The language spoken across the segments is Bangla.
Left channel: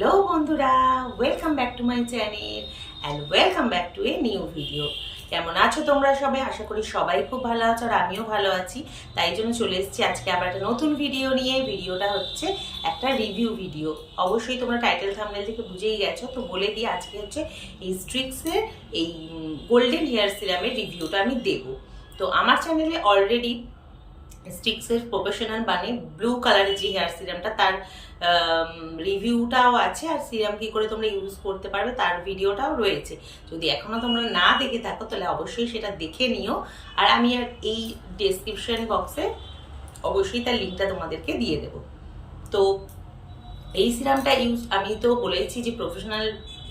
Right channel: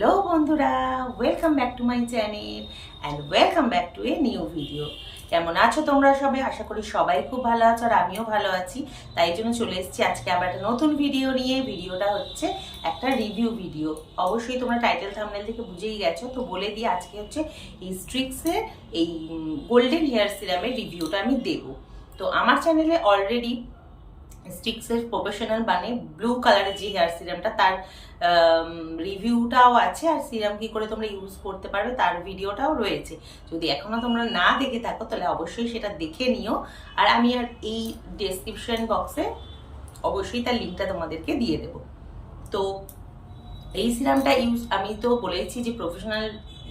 হ্যালো বন্ধুরা welcome back to my channel and welcome back to a new video কেমন আছো তোমরা সবাই? আশা করি সবাই খুব ভালো আছো আর আমিও ভালো আছি। তাই জন্য চলে এসেছি আজকে আবার একটা নতুন ভিডিও নিয়ে। ভিডিওটা হচ্ছে একটা রিভিউ ভিডিও অবশ্যই তোমরা টাইটেল থামনেল থেকে বুঝেই গেছো। তো বলে দিই, আজকে হচ্ছে এই স্ট্রিক্সের এই গোল্ডেন হেয়ার সিরামের রিভিউটা আমি দেবো। তো আমার চ্যানেলে অলরেডি স্টিক্সের প্রফেশনাল মানে ব্লু কালারের যে হেয়ার সিরামটা তার রিভিউটাও আছে, আর সিরাম কি করে তোমরা ইউজ করতে পারবে তার ভিডিওটাও রয়েছে। যদি এখনও তোমরা না দেখে থাকো, তাহলে অবশ্যই সেটা দেখে নিও। আর আমি আর এই ডেসক্রিপশন বক্সে অবশ্যই তার লিঙ্কটা তোমাদেরকে দিয়ে দেব। তো, এই সিরামটা ইউজ আমি তো বলেছি যে প্রফেশনাল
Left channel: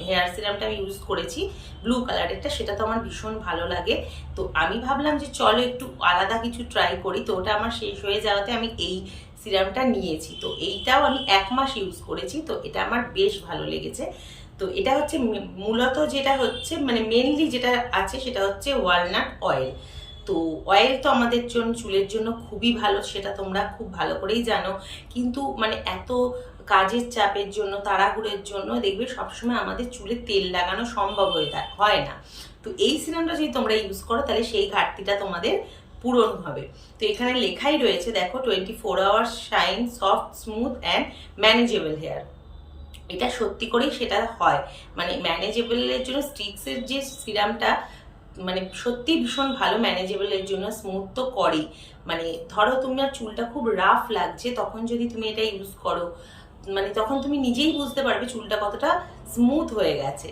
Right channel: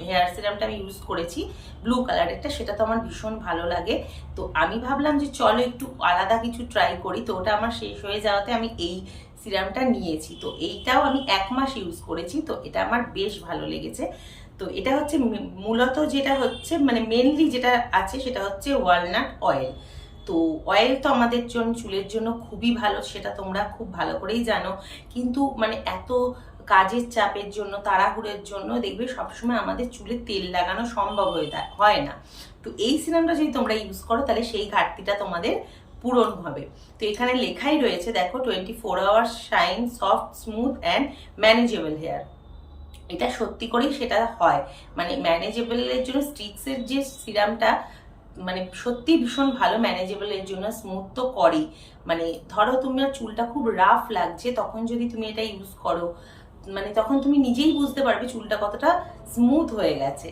হেয়ার সিরামটা আমি ইউজ করেছি। ব্লু কালারেরটা সেটা তো আমার ভীষণ ভালো লাগে। তো আমি ভাবলাম যে চলো একটু আলাদা কিছু ট্রাই করি। তো ওটা আমার শেষ হয়ে যাওয়াতে আমি এই সিরামটা নিয়েছি। তো এইটাও আমি এক মাস ইউজ করেছি। তো এটা আমার বেশ ভালো লেগেছে। তো এটা হচ্ছে মূলত যেটা হচ্ছে মানে মেনলি যেটা আছে সেটা হচ্ছে ওয়ালনাট অয়েল তো অয়েল তো আমাদের জন্য চুলের জন্য খুবই ভালো, সেটা তোমরা খুব ভালো করেই জানো। কিন্তু মানে এত কাজের চাপের জন্য, তাড়াহুড়োর জন্য দেখবে সবসময় আমাদের চুলে তেল লাগানো সম্ভব হয়ে হয় না। তো এই সিরামটা যদি তোমরা ইউজ করো, তাহলে সেই ঘাটতিটা তোমাদের পূরণ হবে। তো এখানে লেখাই রয়েছে, দেখো twenty four hours shine soft smooth and manageable hair এটা সত্যি করেই সেটা হয়। মানে ম্যানেজেবলের জন্য স্টিক্সের যে সিরামটা মানে সত্যি ভীষণ ভালো ম্যানেজেবলের জন্য স্মুথ তো করেই। মানে ধরো তোমার চুলটা খুব রাফ লাগছে, তখন যদি তুমি এটা ইউজ করো মানে তখন তুমি নিজেই বুঝতে পারবে চুলটা কতটা স্মুথ হয়ে গেছে।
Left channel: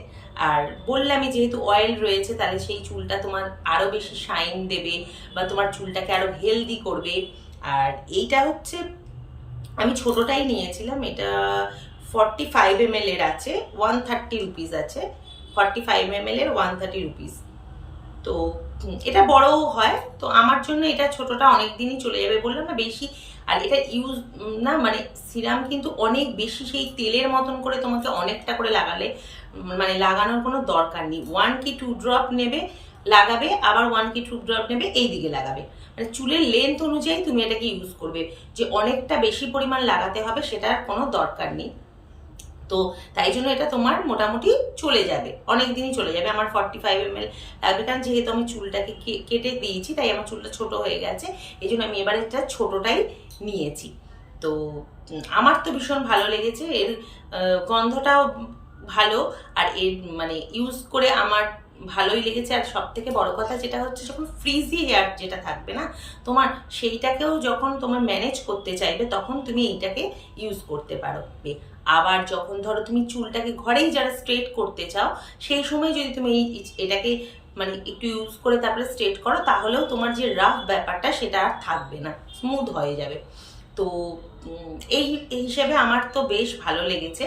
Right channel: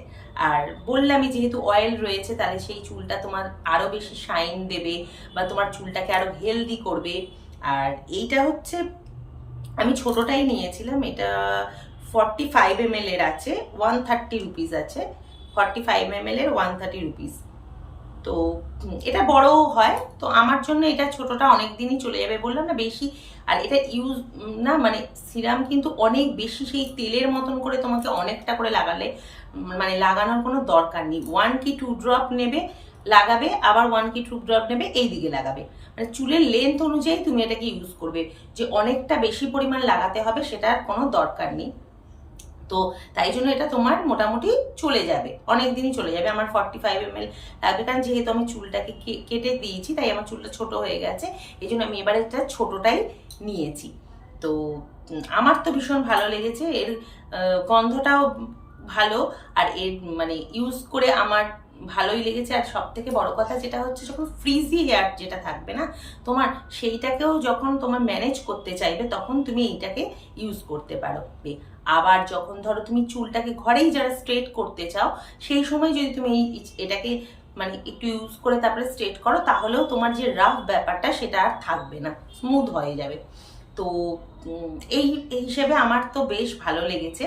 আর বললামই যেহেতু অয়েল রয়েছে, তাহলে সেই চুলটা তোমার আরও বেশি শাইন দেবে বা তোমার চুলটাকে আরও হেলদি করবে। আর এইটা হচ্ছে, আমি ছোটোটাই নিয়েছিলাম, এটা ফর্টি ফাইভ এম এর আছে ওয়ান থার্টি রুপিস আছে ফর্টি ফাইভ এম এর ওয়ান থার্টি রুপিস তো এটা বড়ও হয়, তো আমার জন্য এটা ছোটোটা অনেক দিনই চলে যাবে বললাম না, বেশি আর এটা ইউজ না মানে সিরাম কিন্তু অনেক বেশি সেই তেলের মতন করে তোমাকে অনেকটা করে লাগালে মানে লাগানোর কোনো দরকার নেই। ওয়ান কি টু ড্রপ নেবে, লাগাবে, আবার ওয়ান কি টু ড্রপ নেবে এই দিকে লাগাবে। মানে চুলের লেন্থ অনুযায়ী তুমি এটাকে ইউজ করবে। যে অনেকটা বেশি পরিমাণ লাগাতে হবে, সেটার কোনো দরকার নেই। তো তাই জন্য এটা তোমার মোটামুটি চলে যাবে। অনেক দিনই চলে যাবে। আমার ফর্টি ফাইভ এম এল লাগবে। কারণ যেহেতু আমি চুলটাকে কেটে দিয়েছি, তাই আমার চুলটা ছোট হয়ে গেছে। এই জন্য আমি এবার একটা ছোটটাই নিয়েছি। তো আমার তো ভীষণ ভালো লেগেছে। এর গন্ধটাও ভালো। আর এর মানে ইউজ করে আমার ভালোই লেগেছে। আর সব থেকে বড় কথা যেটা হচ্ছে, যখন ফ্রিজি হেয়ার যেটা থাকবে না, তোমার সেইটাকেও যখন তোমার ম্যানেজ করতে চাইবে, তখন তুমি এইটাকে ইউজ করতে পারবে। আবার যখন ধরো তুমি চুলটাকে ঘরেই যারা স্ট্রেট করতে চাও, সেই সময় যদি তুমি এই এটাকে মানে একটু ইউজ করে তারপরে স্ট্রেট করো, তাহলেও তোমার যে রাফ ব্যাপারটা সেটা আর থাকবে না স্মুথ হয়ে যাবে। তো এই এই হিসেবে আমার তো বেশ ভালো লেগেছে।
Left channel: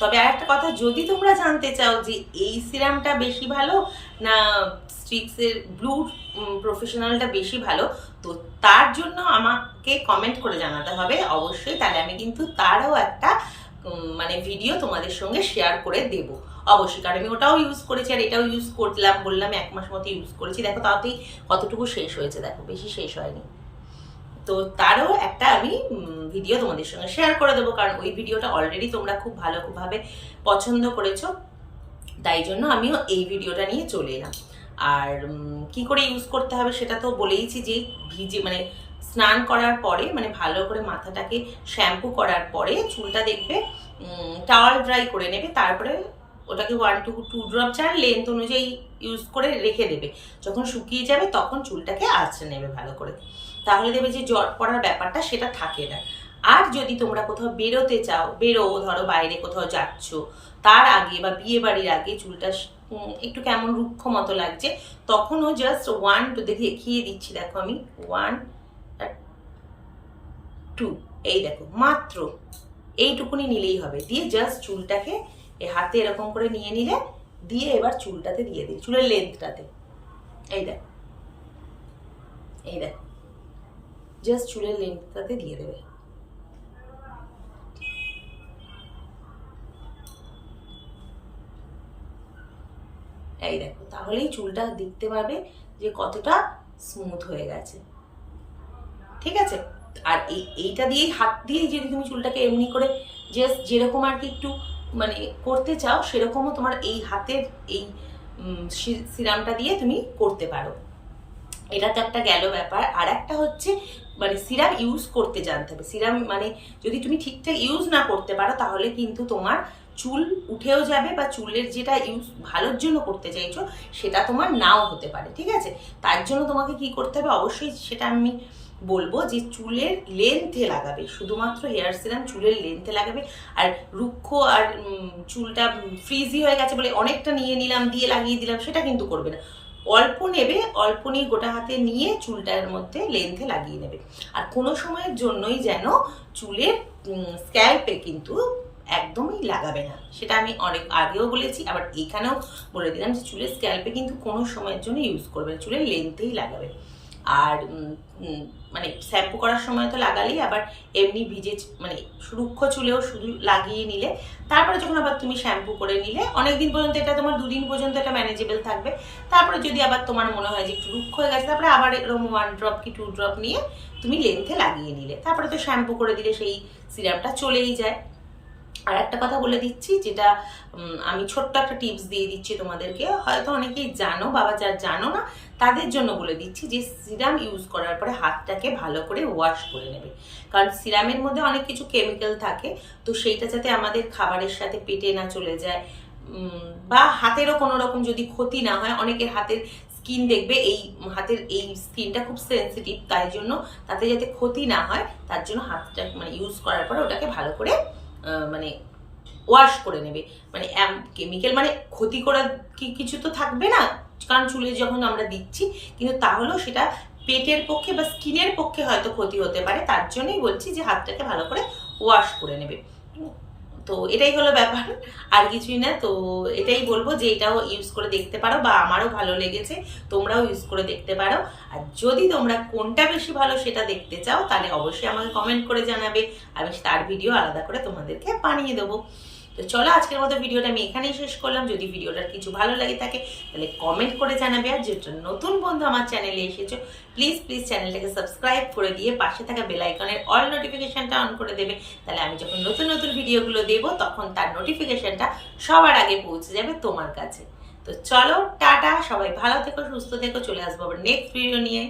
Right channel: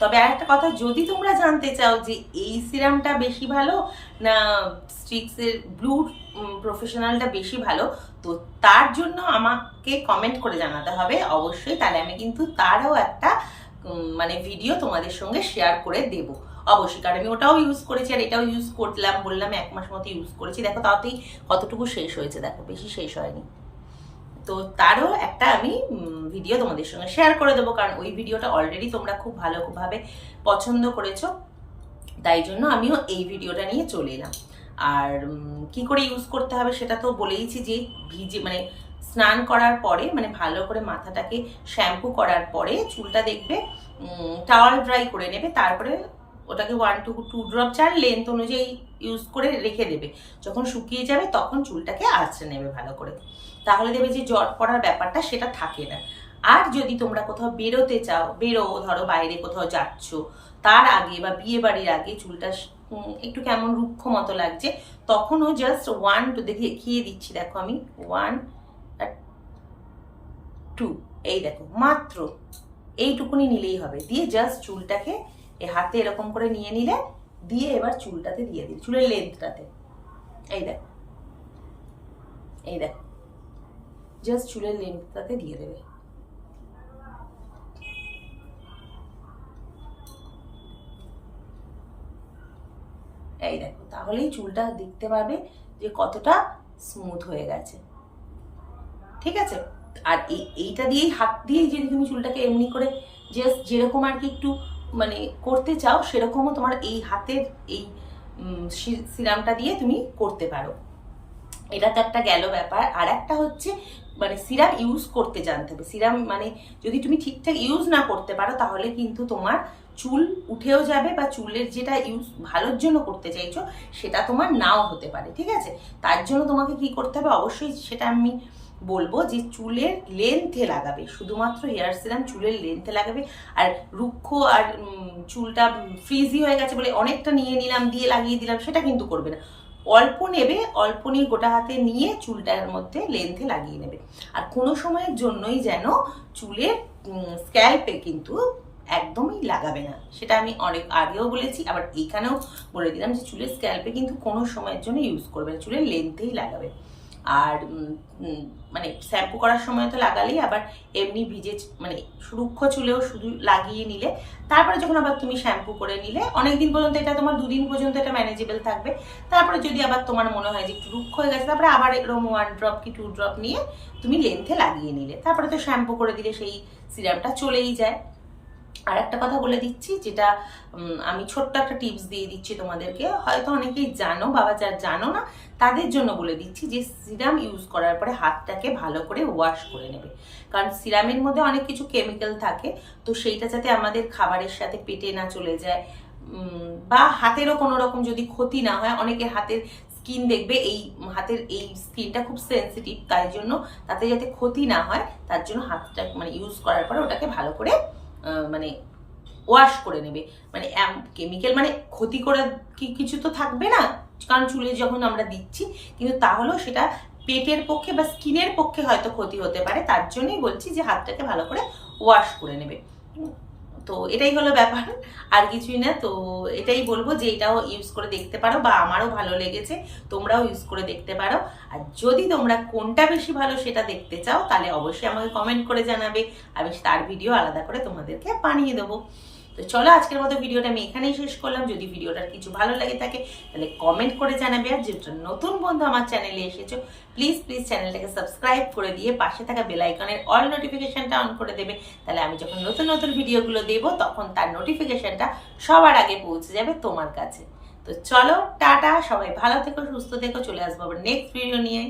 তবে আর একটা কথা, যদি তোমরা জানতে চাও যে এই সিরামটা বেশি ভালো না স্ট্রিক্সের ব্লু প্রফেশনালটা বেশি ভালো, তো তার জন্য আমাকে কমেন্ট করে জানাতে হবে। অবশ্যই, তাহলে আমি কিন্তু তারও একটা মানে ভিডিও তোমাদের সঙ্গে শেয়ার করে দেব। অবশ্যই, কারণ আমি ওটাও ইউজ করেছি আর এটাও ইউজ করলাম, বললাম এক মাস মতো ইউজ করেছি। দেখো, তাতেই কতটুকু শেষ হয়েছে, দেখো, বেশি শেষ হয়নি। তো তারও একটা আমি ভিডিও তোমাদের সঙ্গে শেয়ার করে দেবো, কারণ ওই ভিডিওটা অলরেডি তোমরা খুব ভালো ভাবে পছন্দ করেছ। তাই জন্য আমিও এই ভিডিওটা নিয়ে চলে এলাম। আর কি করে ইউজ করতে হবে সেটা তো বলেইছি যে ভিজে মানে স্নান করার পরে মানে ভালো করে মাথাটাকে শ্যাম্পু করার পরে চুলটা দেখবে টাওয়াল ড্রাই করে নেবে, তারপরে ওটাকে ওয়ান টু টু ড্রপ চার লেন্থ অনুযায়ী ইউজ করে রেখে দেবে। যখন শুকিয়ে যাবে তখন চুলটাকে আঁচড়ে নেবে ভালো করে। তাহলে দেবে যে জট পড়ার ব্যাপারটা সেটা থাকে না। আর যদি তোমরা কোথাও বেরোতে চাও, বেরো, ধরো বাইরে কোথাও যাচ্ছ, তার আগে বা বিয়ে বাড়ির আগে চুলটা একটু কেমন রুক্ষ মতো লাগছে, তখনও জাস্ট ওয়ান টু দেখে, দেখিয়ে দিচ্ছি, দেখো আমি ওয়ান টু এই দেখো, মাত্র এইটুকুনি নিলেই হবে। দিয়ে জাস্ট চুলটাকে এ হাতে এরকম করে নিয়ে নিলে, দিয়ে এবার চুলটাতে দিয়ে দিই চুলের লেন্থটাতে এই দেখো এই দেখো জাস্ট চুলের লেন্থটাতে দিয়ে দেবে। এই দেখো, তাহলেই চুলটা দেখতে পাবে যে কতটা স্মুথ হয়ে গেছে। ঠিক আছে? আর এই এইটা দিয়েই হাত দিয়েই যদি তুমি চুলটাকে এমনি করে জাস্ট যেরকম আর কি একটু মানে করতে চাও, সেরকমও তোমার এই হাতের এই সিরামটা দিয়ে তুমি করতে পারো। এটা তো একটা গেল ব্যাপার। আর একটা হচ্ছে মানে সিরাম ইউজ করতে জানতে হবে। সিরাম মানে যদি তুমি ঠিকঠাক ইউজ না করতে পারো, তাহলে কিন্তু তোমার চুল উঠেও যাবে বা চুলের যেটা ইউজ ভালোর জন্য করতে চাইছো, সেটা তোমার নাও হতে পারে। ঠিক আছে? তার জন্য তোমাকে কি করতে হবে? অবশ্যই সেটা আমি বলব যে চুলের লেন্থে লাগাবে, শুধুমাত্র হেয়ার সিরাম চুলের লেন্থে লাগাবে, আর রুক্ষ আর চুলটা ফ্রিজি হয়ে গেছে বলে অনেকটা নিয়ে নিলাম, দিয়ে লাগিয়ে দিলাম, সেটা কিন্তু করবে না। অল্প নেবে, অল্প নিয়ে গোটা হাতে নিয়ে চুলটার মধ্যে লেন্থে লাগিয়ে নেবে। আর কোনো সময়ের জন্যই যেন চুলের স্ক্যাল্পে কিন্তু একদমই লাগাবে না। সেটা আমি অনেক আগেও বলেছি, আবার এখানেও বলে দিলাম যে চুলের স্ক্যাল্পে কিন্তু কোনো সময়ের জন্য ইউজ করবে না, চুলের লেন্থেই লাগাবে। আর মানে শ্যাম্পু করার সময় তো লাগালেই আবার এমনি ভিজে মানে রুক্ষ চুলেও শুধু লাগিয়ে নিলে। তারপরে যখন আবার তুমি শ্যাম্পু করে নিলে অনেক দিন পর্যন্ত এটা তোমার দুদিন পর্যন্ত এটা ম্যানেজেবল থাকবে। তারপরে যদি আবার তোমার মনে হয় যে একটু রুক্ষ হয়ে গেছে, তারপরে আবার এরকম ওয়ান ড্রপ কি টু ড্রপ নিয়ে তুমি লেন্থে লাগিয়ে নিলে। তারপরে তো শ্যাম্পু করে দিলে সেই সিরামটা চলেই যায়। আর একটা কথা বলে দিচ্ছি, যেটা আমি ছোট্ট একটা টিপস দিয়ে দিচ্ছি তোমাদেরকে। হয়তো অনেকেই জানো, বাবা যার জানো না, তাদের জন্য বলে দিচ্ছি যে, সিরাম ইউজ করার পরে হাতটাকে ভালো করে ওয়াশ করে নেবে। কারণ সিরামের মধ্যে অনেক কিছু কেমিক্যাল থাকে, তো সেইটা যাতে আমাদের খাবারের সাথে পেটে না চলে যায়। বা হাতেরও কোনো রকম যদি ক্ষতি না হয়, অনেকে হাতের স্কিন দেখবে, এই হাতের এই স্কিনটা খুব সেন্সিটিভ তাই জন্য তাতে যাতে ক্ষতি না হয়, তার জন্য হাতটা মানে ইউজ করার পরে ওটাকে ভালো করে মানে ওয়াশ করে নেবে। মানে কেমিক্যাল মানে ক্ষতি করার কি কিছু তো থাকবে না, কারণ চুলে যখন আমরা দিচ্ছি, কিন্তু তাহলেও সেটা পেটের পক্ষে বা স্কিনের পক্ষে হয়তো ক্ষতি হতে পারে, তার জন্যই বলছি যে হাতটাকে ভালো করে ওয়াশ করে নেবে। তো এটাই হলো ব্যাপার, আর কিছুই না। তো এটাই বলব যে এটাও ইউজ করে দেখতে পারো বা আমারও ভালো লেগেছে, তোমরাও ইউজ করে দেখতে পারো। আর যদি তোমরা কোনটা বেশি ভালো সেটা দেখতে চাও, তাহলে অবশ্যই আমাকে কমেন্ট করে জানাবে। আমি তার ভিডিও আলাদা করে তোমাদেরকে বানিয়ে দেবো। তো চলো আজকের মতো ভিডিওটা আমি এখানেই শেষ করলাম। যদি ভিডিওটার কিছু ভালো লাগে থাকে, তাহলে কমেন্ট করে জানাবে। আর যেটা নতুন বন্ধু আমার চ্যানেলে এসেছ প্লিজ প্লিজ চ্যানেলটাকে সাবস্ক্রাইব করে দিয়ে পাশে থাকা বেলাইকনের অল নোটিফিকেশানটা অন করে দেবে। তাহলে আমি যখন নতুন নতুন ভিডিওগুলো দেবো, তখন তার নোটিফিকেশানটা সবার আগে পৌঁছে যাবে তোমার কাছে। তো চলো, টাটা, সবাই ভালো থেকো, সুস্থ থেকো, চলে আসব আবার নেক্সট ভিডিও নিয়ে।